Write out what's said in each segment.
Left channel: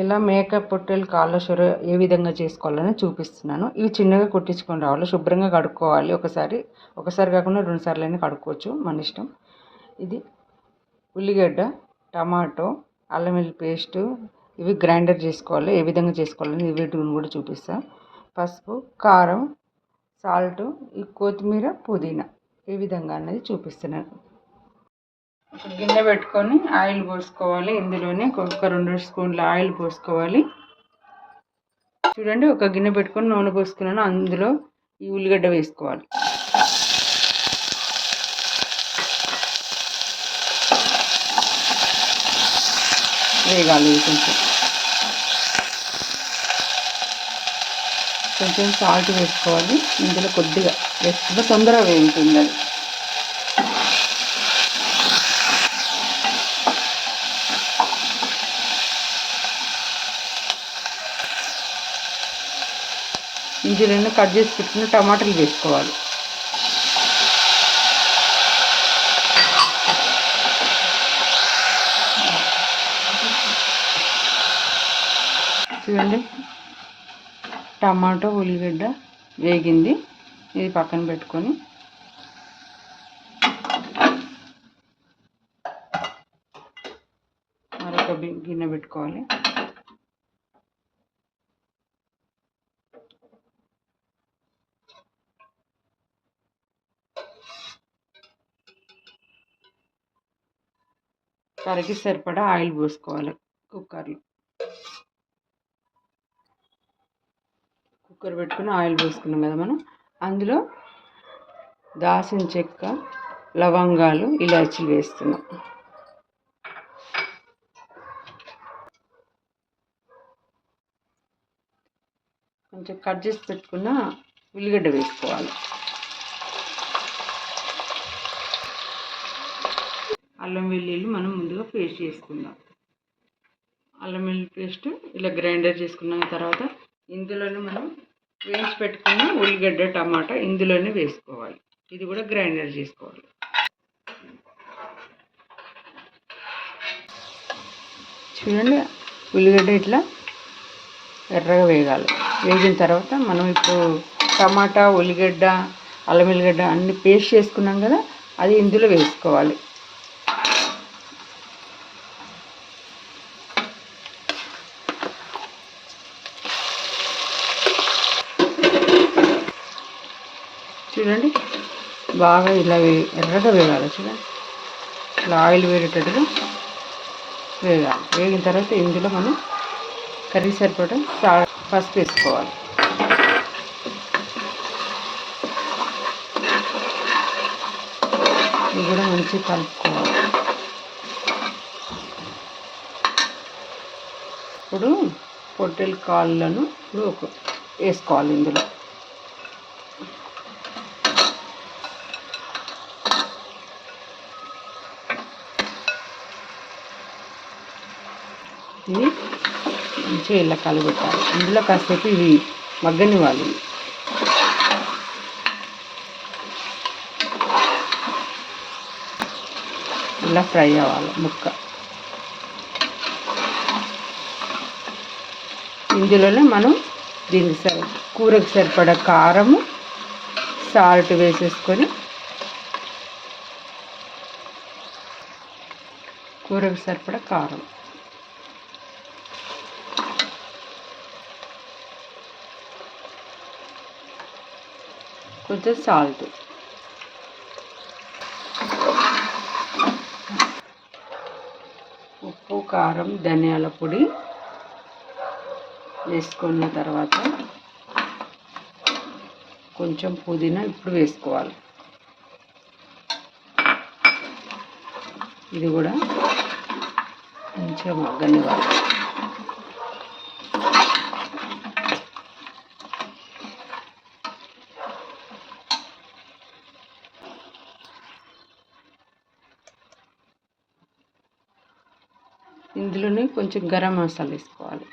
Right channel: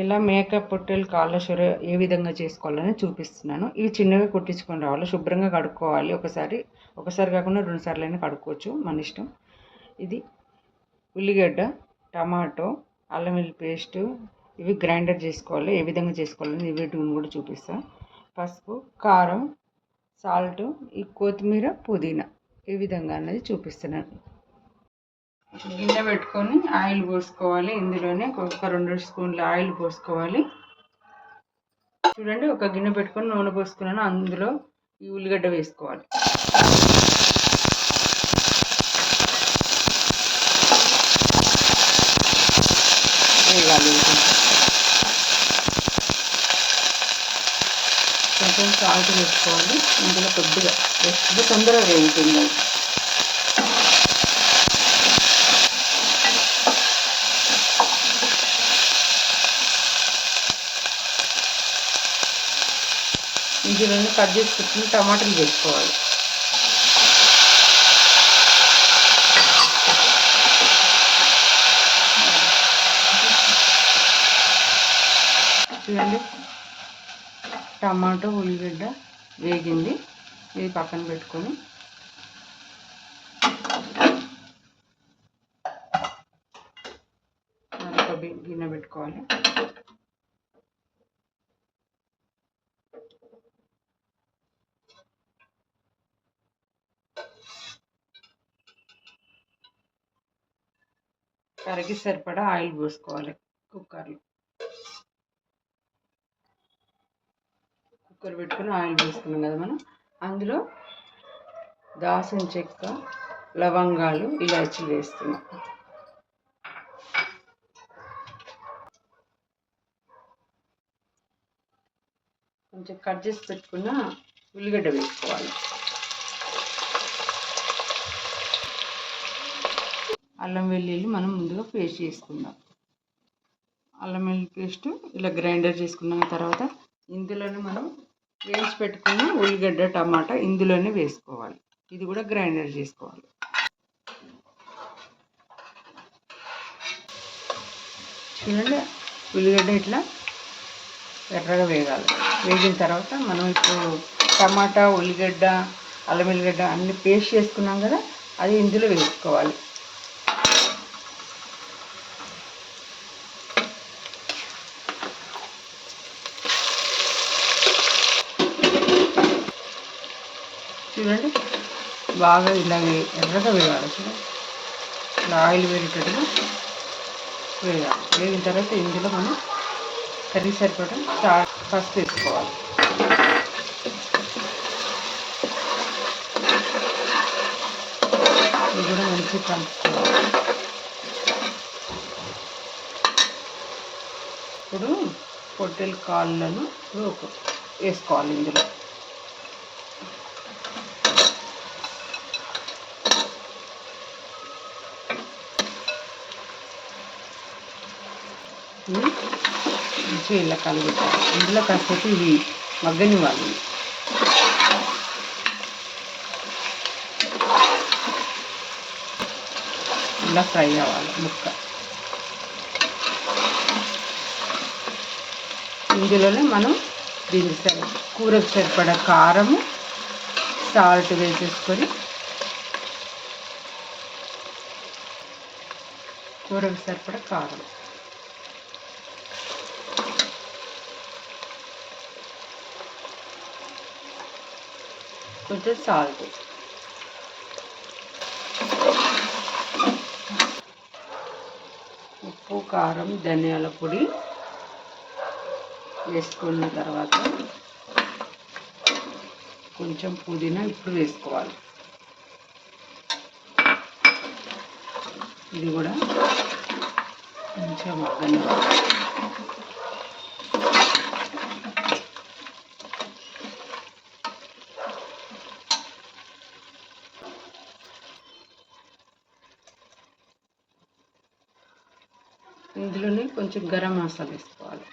ఇలా మేక పొట్టేలు కాళ్ళ సొర ఏ విధంగా చేసుకోవాలని చూపిస్తున్నాను. ఇవి చిన్నగా కొట్టించుకొని రావాలి. శుభ్రంగా కడుక్కోవాలి. ఒకసారి కాకుండా 2 సార్లైనా కడుక్కోవచ్చు, మన ఇష్టం. ఇది ఉల్లిగడ్డ, టమాటో, అల్లం వెల్లుల్లి పేస్టు ఇవి గ్రైండర్ చేసుకోవాలి. ఏ విధంగా చేసుకోవాలని వీటిని కూడా చూపిస్తా. పసుపు, కారం, సాల్ట్, ఈ కొత్తిమీర, పుదీనా ఏ విధంగా అన్నది చూపిస్తున్నాను. గిన్నె పెట్టుకొని ఆయిల్ పోసుకోవాలి. ఇందులోనే ఒక 2 స్పూన్ల ఆయిల్ పోసుకోవాలి. చూడండి, ఒక గిన్నె పెట్టుకొని నూనె పోసుకున్నాను. అందులో ఈ ఉల్లిగడ్డ వేసుకోవాలి. వేగాలి. కొంచెం సాల్ట్ వేసుకోవాలి. ఇందులో కొద్దిగా వేసుకుంటే తొందరగా వేగుతుంది. ఇందులో కట్ చేసి పెట్టుకున్న టమాటాలు వేసుకోవాలి. చూడండి, టమాటో ఉల్లిగడ్డ వేగింది. ఇది పక్కన పెట్టుకొని మరొక గిన్నె పెట్టుకోవాలి. కర్రీకి సరిపడా ఆయిల్ పోసుకోవాలి. కుక్కర్ పెట్టుకుని ఆయిల్ పోసుకున్నాం కదా మనం. అందులో దాల్చిన చెక్క, లవంగాలు, ఇలాచీలు వేస్తున్నాం. కొంచెం కట్ చేసి పెట్టుకున్న ఉల్లిగడ్డ వేసుకోవాలి. అల్లం వెల్లుల్లి మనం ముందుగా పేస్ట్ చేసుకుందాం. అల్లం వెల్లుల్లి పేస్ట్ ఇలా గ్రైండర్ చేసుకున్న తర్వాత ఇందులోనే మనం వేసి పెట్టుకున్న ఉల్లిగడ్డ, టమాటా ఇందులోనే వేసుకోవాలి. ఇది కూడా గ్రైండర్ చేసుకోవాలి. చూడండి, ఉల్లిగడ్డ ఇట్లా ఎర్రగా వేగాలి. వేగిన తర్వాత మనం ఇప్పుడు టమాటా, ఉల్లిగడ్డ, అల్లం వెల్లిగడ్డ అన్ని పేస్ట్ చేసుకున్నాం కదా, అది ఇందులో వేసుకోవాలి. చూడండి, బాగా ఇలా ఎర్రగా వేగాలి. చూడండి, ఇలా ఆయిల్ వేరేటట్టుగా వేగాలి. వేగిన తర్వాత ఇందులో మనం కర్రీ సరిపడా పసుపు వేసుకోవాలి. ఇది కూడా మంచిగా కలుపుకోవాలి. ఇప్పుడు పొట్టేలు కాళ్ళను వేసుకోవాలి. ఇందులో ఇవి మంచిగా ఇలా కలుగుతాయి. ఇందులో కాసేపు ఇవి మగ్గనివ్వాలి. ఇలా ఫ్రై అవ్వాలి ముక్క. ఇందులోనే మనం దీనికి కూరకు సరిపడా కారము, సాల్ట్ వేసేసుకొని కూరకు సరిపడా కారం, కొంచెం సాల్ట్, ఉప్పు, కారం, ధనియాల పొడి వేసుకున్న తర్వాత కొంచెం పుదీనా ఇప్పుడు వేసుకోవాలి. ఇది కూడా మంచిగా మగ్గనివ్వాలి. ఇందులోనే కొంచెం గరం మసాలా వేసుకోవాలి.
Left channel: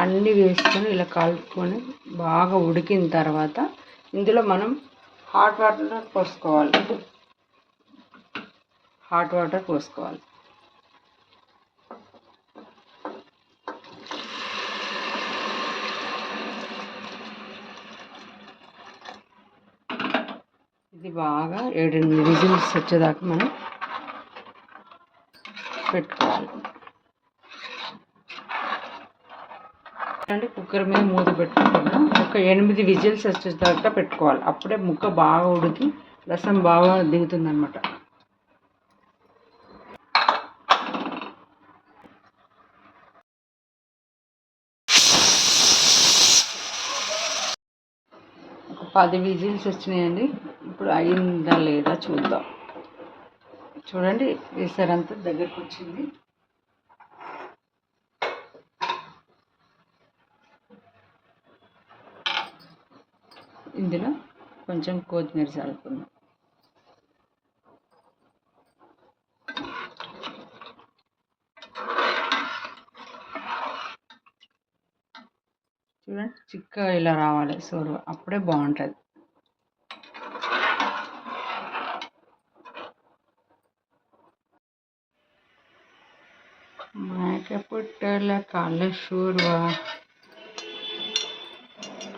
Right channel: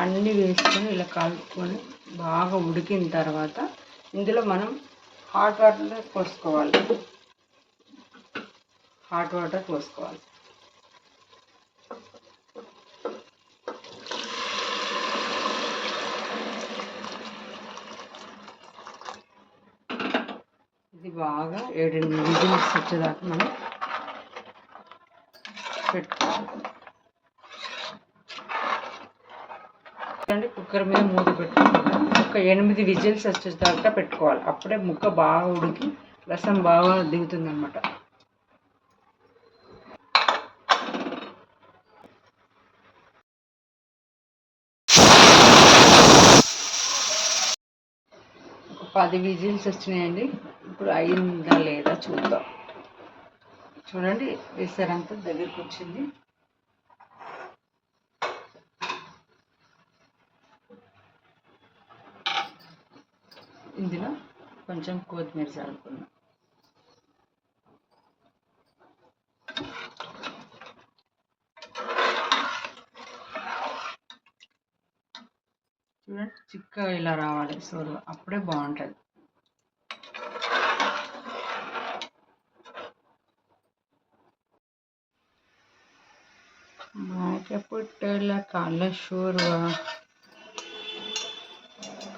అన్నీ వేసుకొని ఇలా కలుపుకొని బాగా ఉడికిన తర్వాత ఇందులో మనం హాట్ వాటర్ పోసుకోవాలి. ఇది బాగా 7-8 విజిల్స్ వచ్చేదాకా మనం పెట్టుకోవాలి. కుక్కర్ మీద మూత పెట్టుకుంటాము. ఒక 8 విజిల్స్ వచ్చేదాకా పెట్టుకోవాలి. అప్పుడే ముక్క బాగా ఉడికి రసం బాగా దిగుతుంది అన్నమాట. ఒక 10 విజిల్స్ వచ్చినాయండి. ఇప్పుడు అయిందా లేదా చూద్దాం. చూడండి, వేసారంతా దగ్గరికి వచ్చింది. ఇందులో కొంచెం కొత్తిమీర చల్లుకుందాం. చూడండి, చిక్కగా ఇలా రావాలి సోరు, అప్పుడే బాగుంటుంది. మేకపుట్టల కాళ్ళ షూర్వా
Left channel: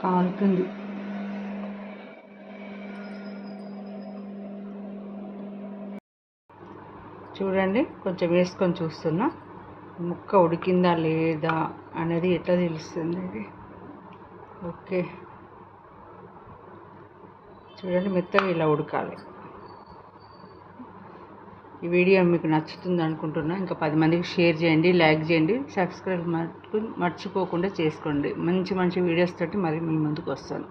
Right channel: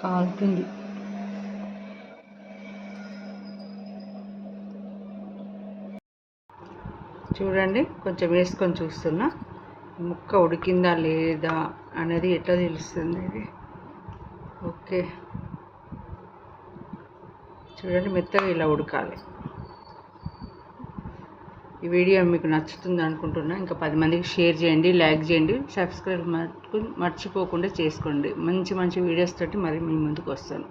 కాలుతుంది. చూడండి, కొంచెం వేసుకొని చూస్తున్నా, ముక్క ఉడికిందా లేదా అనేది ఎట్లా తెలుస్తుంది ఇది. ఓకే, చూడండి, మెత్తగా ఇలా ఉడకాలి. ఈ వీడియో మీకు నచ్చుతుంది అనుకుంటున్నా. ఇంకా 10 మందికి షేర్ చేయండి, లైక్ చేయండి, సబ్స్క్రైబ్ మర్చిపోకుండా చేసుకోండి. మంచి వీడియోస్ తోటి మరి మీ ముందుకు వస్తాను.